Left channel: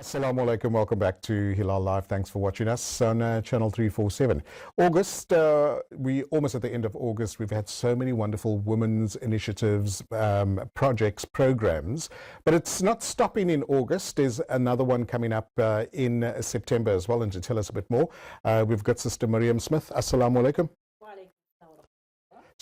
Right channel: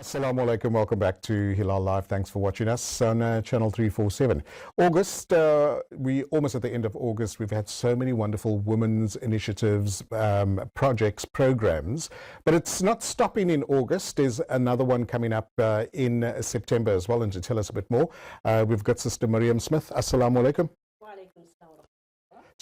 Assalamu alaikum, welcome back to Hilaal Live. Thanks for watching us on channel 347. August, we almost at the end of August. We've had so many wonderful women's initiatives, projects, programs, but it's not stopping in August. There's another one coming up in September as well, and to tell us a bit more, we've got Sister Mariam Smith. Assalamu alaikum.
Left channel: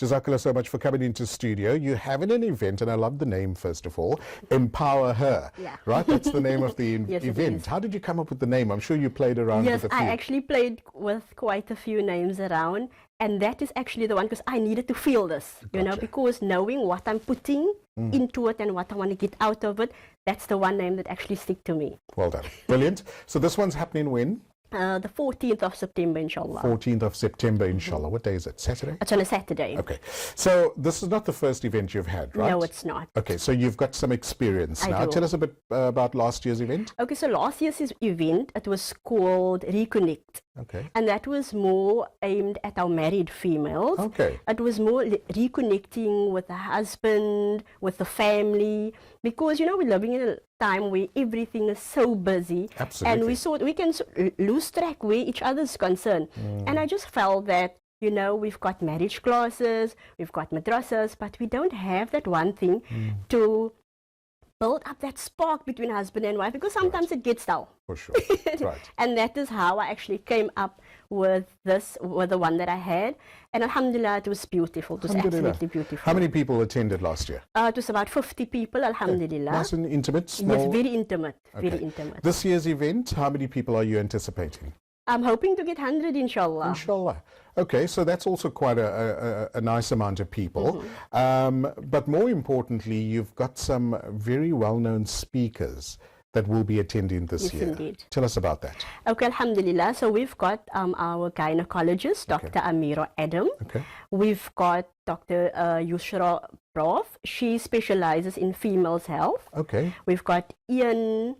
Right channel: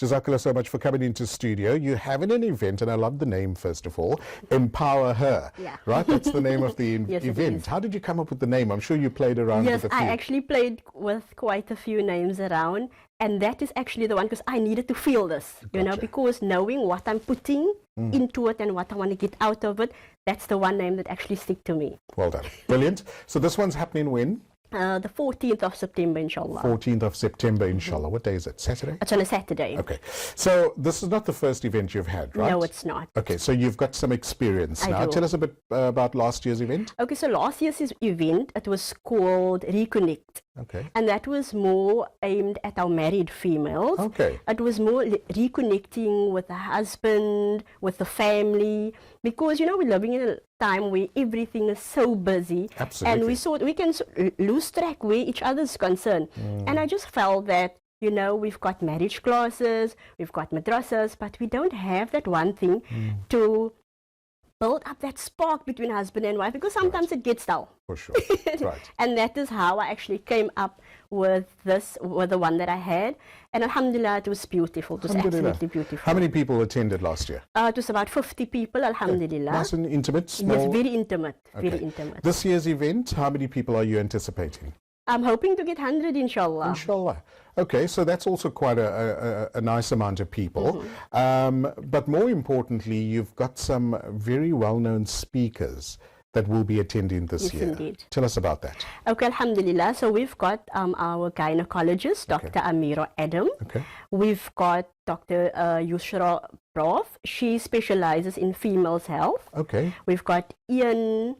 Jazakallah so much for coming into studio. You're having an event, and I love the name, first of all, Empower Her, right? That's the name of the Yes, event. How did you come up with the name? I'm sure you played around with a few. I actually played with quite a few names around, and that is actually the one because I needed to feel this, you know, because knowing what I'm putting into it and what I want to get out of it, that's the one name that actually stick to me. Well done. Brilliant. So this one's happening when? The 14th of September, inshallah. 14th of September, inshallah. What day is it? Saturday? It's on a Saturday. Okay. So this is not the first event you've had, right? No, it's not. Okay, so you've got some experience now. I do. Tell us a bit about last year's event. Okay, so last year's event, it was called Reconnect. Okay. And that was more aimed at our married females. Okay. It was more reconnecting with the husband, with the family, because, you know, we're living in a time where everything is so busy. Absolutely. And we thought we can lose track where each other's concerned. And I just felt that, you know, we've got marriage classes, we've got madrasas, but we don't have that one thing to build up that spark between husband and wife, because sometimes it gets dull. For sure. Right. And that is how I actually came up with this, with the one that I had. And alhamdulillah, it was beautiful. It was absolutely beautiful. How many people attended last year? It was about 50 people, alhamdulillah. Nice and intimate? Small? Yes, very intimate. Okay. Very intimate. This year's event, how many people are you anticipating? I'm hoping to get 100, inshallah. Inshallah. Okay, so that's also quite a nice amount of people. But more importantly, you've got some very well-known speakers that will be attending this year. Indeed. Tell us about that. Okay, alhamdulillah. So we've got our gynecologist, Dr. Amira Adam. Okay. We've got Dr. Yusra Prof. She specializes in females' health. Okay. We've got Ian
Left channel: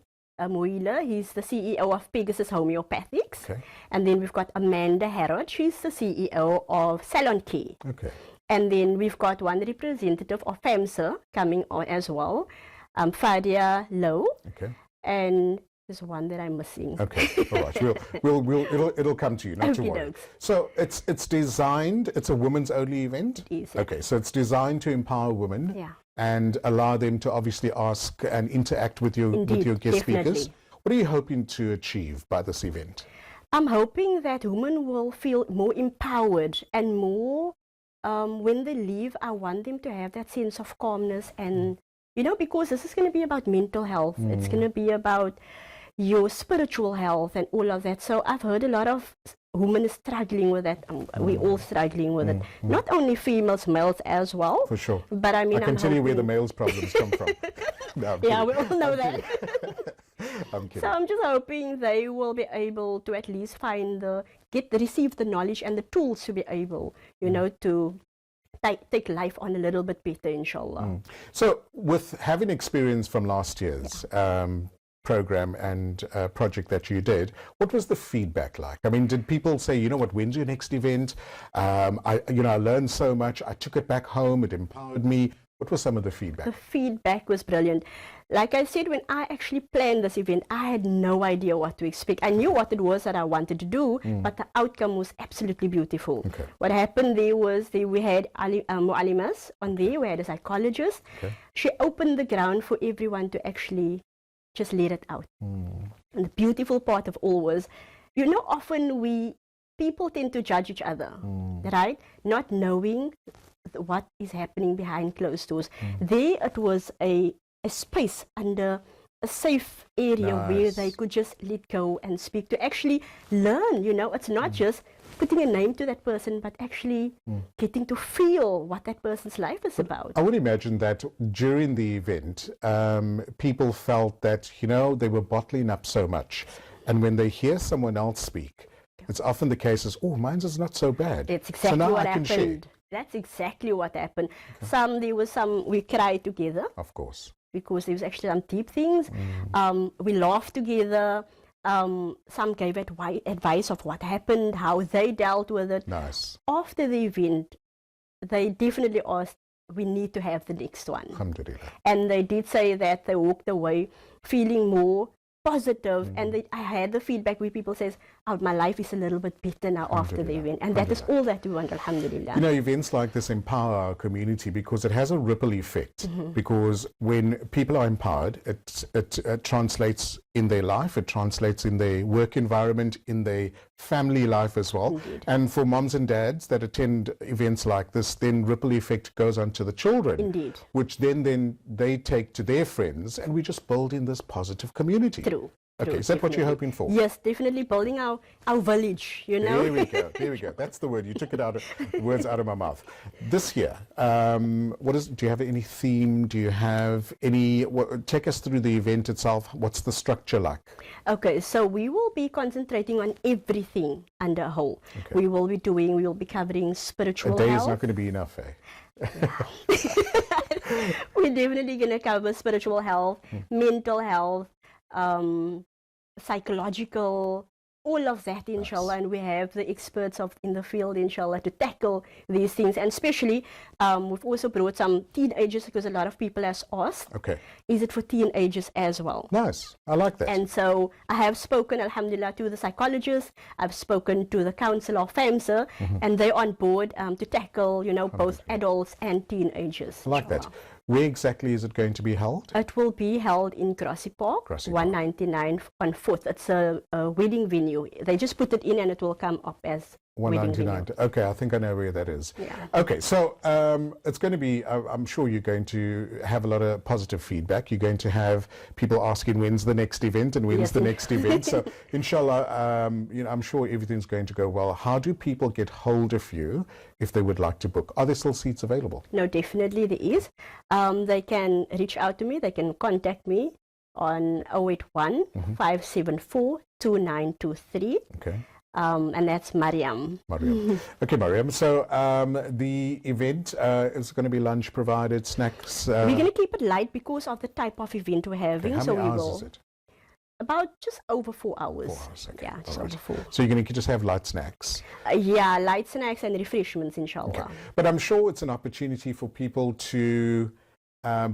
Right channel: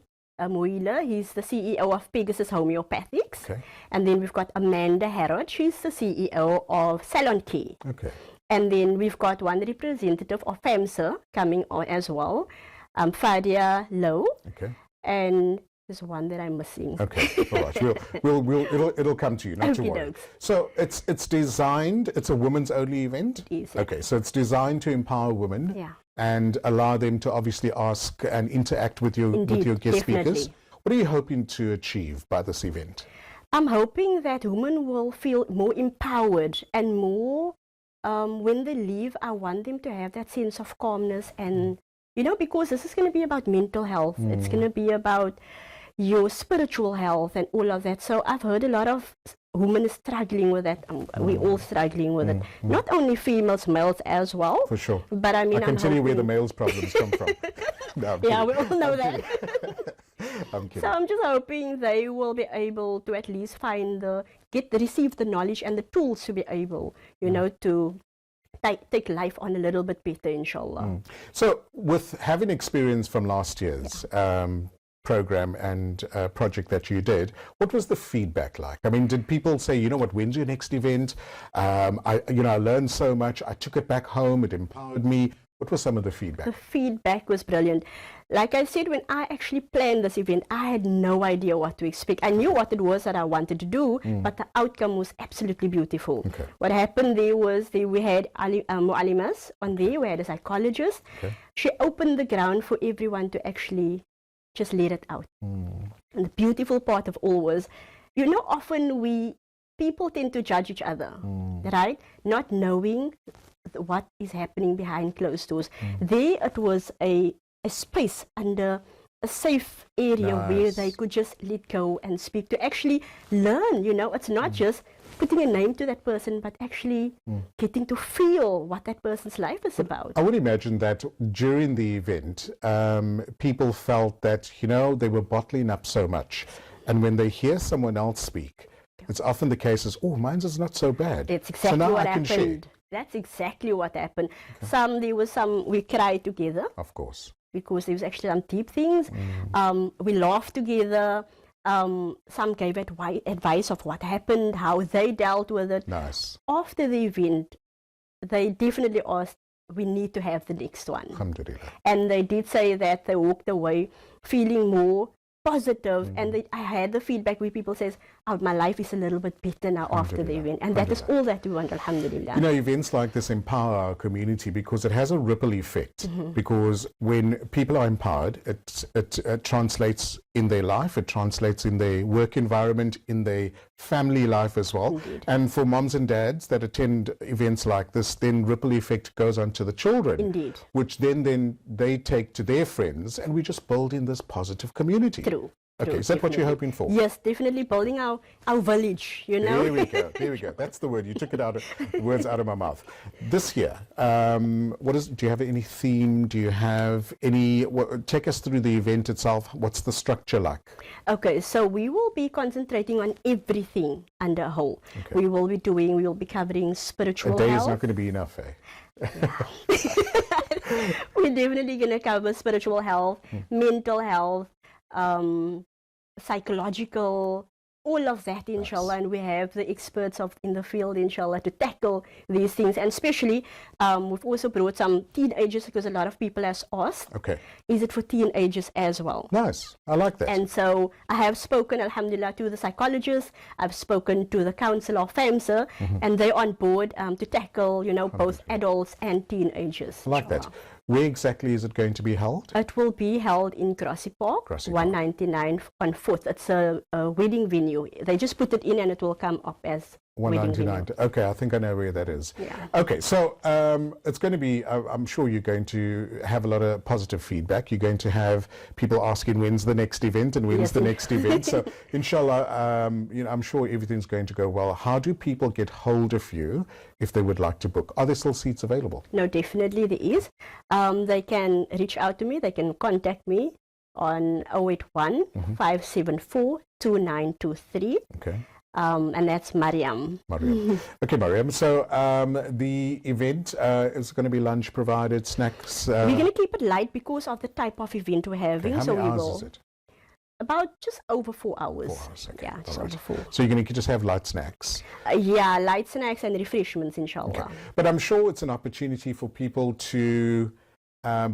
Moila, he's the CEO of Pegasus Homeopathics. Okay. And then we've got Amanda Harrod, she's the CEO of Salon Key. Okay. And then we've got one representative of FAMSA coming on as well, Fadia Lowe. Okay. And there's one that I'm missing. Okay, all right. It'll come to you, not to worry. So it's designed, it's a women's only event? It is. Okay, so it's designed to empower women and allow them to obviously ask and interact with your guest speakers. What are you hoping to achieve by this event? I'm hoping that women will feel more empowered and more, when they leave, I want them to have that sense of calmness and, you know, because this is going to be about mental health. It's going to be about your spiritual health and all of that. So I've heard a lot of women struggling with that. We're all struggling with it. Not only females, males as well. For sure. But I mean, I can tell you where the males' problems come from. No, yeah, we all know that. I'm kidding. So I'm just hoping they will be able to at least find receive the knowledge and the tools to be able, you know, to take life on a little bit better, inshallah. So with having experience from last year's program and project that you did, what was the feedback like? I mean, did people say, you know what, when's your next event? I learned so much. I took it back home. It empowered me. What was some of the feedback? The feedback was brilliant. Like I said, when I actually planned this event, I had no idea what to expect. I knew what it was that I wanted to do, but the outcome was absolutely beautiful. Okay. What happened there was we had mu'alimas on there, we had a psychologist. Okay. She opened the ground for everyone to actually just let it out. And the beautiful part of all was, you know, often people tend to judge each other, right? Not knowing what is happening behind closed doors. There it was a space under a safe area where they could just let go and speak, to actually learn, you know. It's not just putting a name to that person, but actually getting to feel what that person's life is about. I would imagine that during the event, people felt that, you know, they were bottling up so much. And when they hear someone else speak, it's often the case is, oh, mine's is not so bad. That's exactly so now what I can happened. share. That's exactly what happened. We cried together. Of course. Because there was actually some deep things. We laughed together. Some gave advice of what happened, how they dealt with it. Nice. After the event, they definitely asked, we need to have the next one. Alhamdulillah. And they did say that they walked away feeling more positive, and I had the feedback where people says, "Oh, my life is a little bit better now after the event," and that is all that we want, alhamdulillah. You know, events like this empower our community because it has a ripple effect. Because when people are empowered, it translates in their life, it translates in their work environment, in their family life as well. Indeed. And for moms and dads that attend events like this, then ripple effect goes on to the children. Indeed. Which then they take to their friends, and we just build in this positive community. True. Okay, is that what you're hoping for? Yes, definitely building our village, you know. There we go. There we go. That's the word. You took it words out of my mouth. This year, do you have any theme? Do you have any, take us through the event itself. What's the structure like? Okay, so we will be concentrating on everything under a whole. Okay. We will be covering spiritual A day health. is not going to be enough, eh? We're definitely going to cover spiritual health, mental health, psychological, all of that, inshallah. And we have the experts in the field, inshallah, to tackle these things. And especially, we've also brought some teenagers, because a lot of people have asked, is it for teenagers as well? Nice. I like that. And so I have spoken, alhamdulillah, to the psychologists. I've spoken to the council of FAMSA, and they're on board to tackle, you know, both adults and teenagers. I like that. Where exactly is it going to be held? It will be held in Grassy Park, 199 on 4th. It's a wedding venue. They just put it in and it will come up as 199. Okay, I think I know where that is. Yeah. Okay, so it's going to be, I'm sure you're going to have a lot of positive feedback. You're going to have people asking when's the next event and when's the next event. So inshallah, you know, I'm sure everything's going to go well. How do people get hold of you if they would like to book? Are there still seats available? No, definitely there is. They can reach out to me. They can contact me on 081 574 2923. Okay. And that's Mariam. Okay, Mariam. So the event is going to be lunch provided, snacks. We're going to keep it light because of the type of event we're having. How many hours is it? About just over 4 hours. 4 hours, okay. Yeah, just over 4. So you're going to just have light snacks? Yeah, light snacks and refreshments, inshallah. Okay. But I'm sure it's an opportunity for people to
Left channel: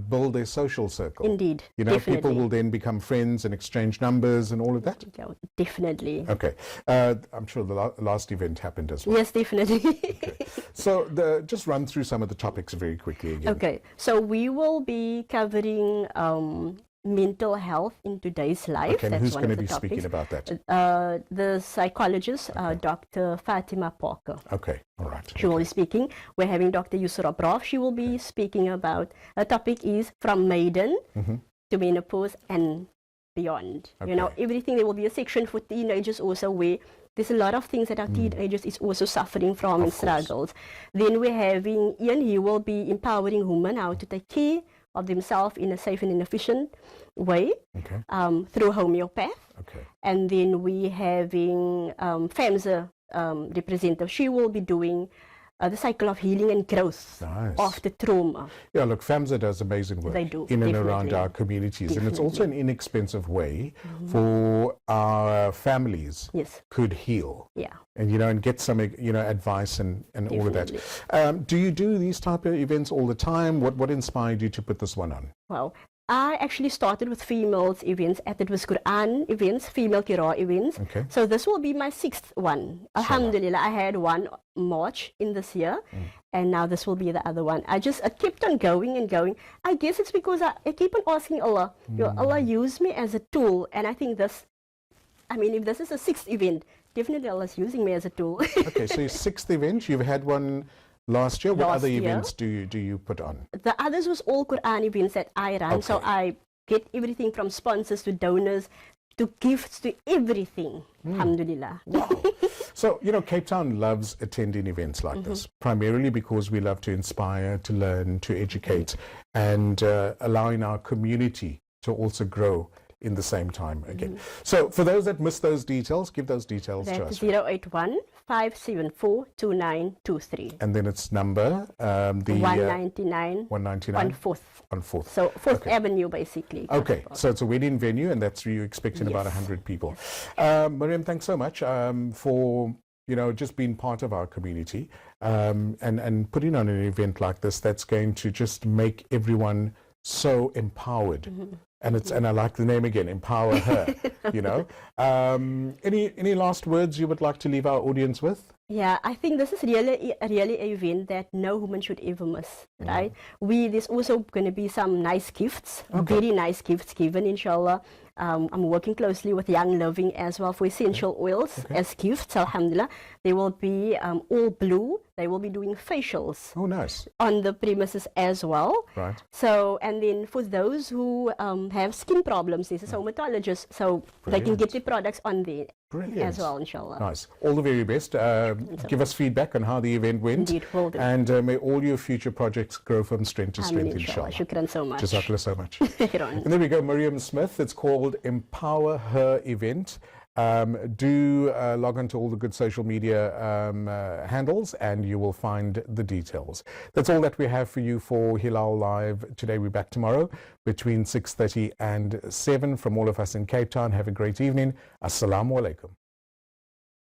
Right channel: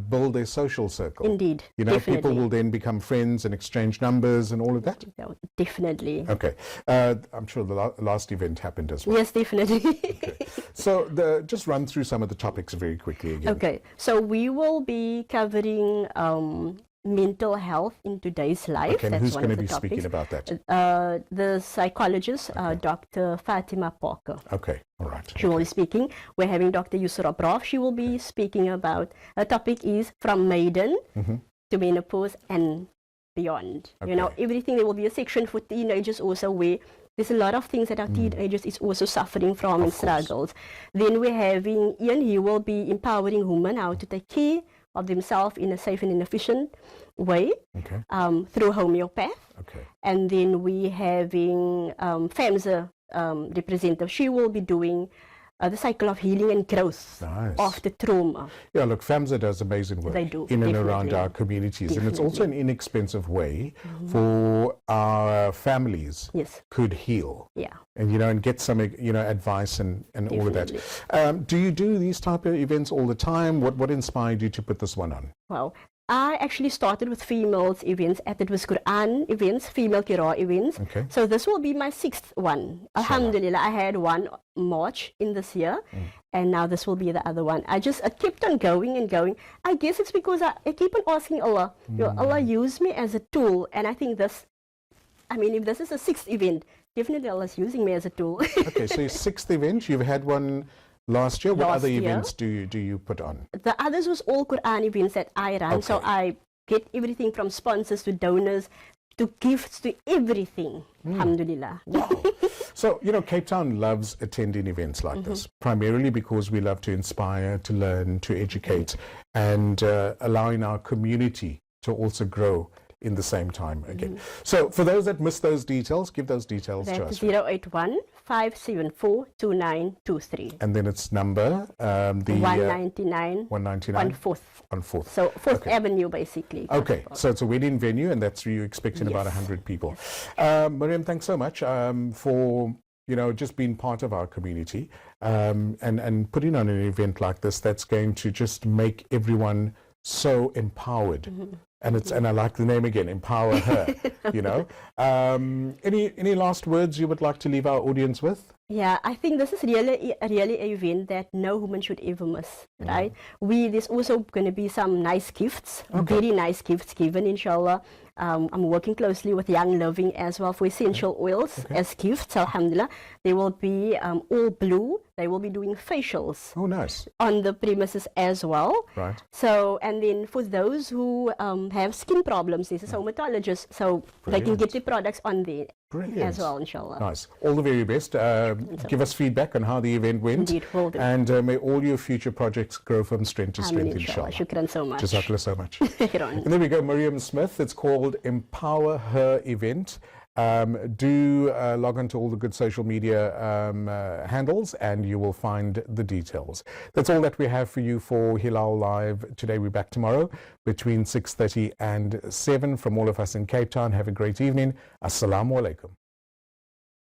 build their social circle. Indeed. You know, definitely. people will then become friends and exchange numbers and all of that? Yeah, definitely. Okay. I'm sure the last event happened as well. Yes, definitely. Okay. So just run through some of the topics very quickly again. Okay. So we will be covering mental health in today's life. Okay, and that's who's going to be topics. speaking about that? The psychologist, Dr. Fatima Parker. Okay, all right. She will be speaking. We're having Dr. Yusra Braf. She will be speaking about, the topic is from maiden to menopause and beyond. Okay. You know, everything. There will be a section for teenagers also where there's a lot of things that our teenagers is also suffering from and struggles. Then we're having Ian. He will be empowering women how to take care of themselves in a safe and efficient way through homeopath. Okay. And then we having FAMSA representative. She will be doing the cycle of healing and growth after trauma. Yeah, look, FAMSA does amazing work They do, in and around our communities. And it's also an inexpensive way for our families could heal. Yeah. And, you know, and get some, you know, advice and all of that. Do you do these type of events all the time? What inspired you to put this one on? Well, I actually started with females events, and it was Quran events, female Qira events. Okay. So this will be my 6th one. Alhamdulillah, I had one March in this year, and now this will be the other one. I kept on going and going. I guess it's because I keep on asking Allah, Allah use me as a tool, and I think this, I mean, if this is a 6th event, definitely Allah is using me as a tool. Okay, so your 6th event, you've had one last year. What other events do you put on? The others was all Quran events that I run. So I get everything from sponsors to donors to gifts to everything. Alhamdulillah. Wow. So, you know, Cape Town loves attending events like this, primarily because we love to inspire, to learn, to educate, and allowing our community to also grow in the same time again. So for those that missed those details, give those details to us. 081 574 2923. And then it's number the 199 199 on 4th. On 4th. So 4th Avenue basically. Okay, so it's a wedding venue, and that's where you're expecting about 100 people. Mariam, thanks so much for, you know, just being part of our community and putting on an event like this that's going to just make everyone so empowered And I like the name again, Empower Her, you know. Any last words you would like to leave our audience with? Yeah, I think this is really an event that no woman should ever miss, right? There's also going to be some nice gifts, very nice gifts given, inshallah. I'm working closely with Young Living as well for essential oils as gifts, alhamdulillah. They will be all blue. They will be doing facials. Oh, nice. On the premises as well. Right. So, and then for those who have skin problems, this is a dermatologist, so they can get the products on there. Brilliant. As well, inshallah. Nice. All the very best. Give us feedback on how the event went. Indeed, will do. And may all your future projects grow from strength to strength, inshallah. Shukran so much. Jazakallah so much. And there we go, Mariam Smith. It's called Empower Her Event. Do log on to all the good social media handles and you will find the details. That's all that we have for you for Hilaal Live today. We're back tomorrow between 6:30 and 7. From all of us in Cape Town, have a great evening. Assalamu alaikum.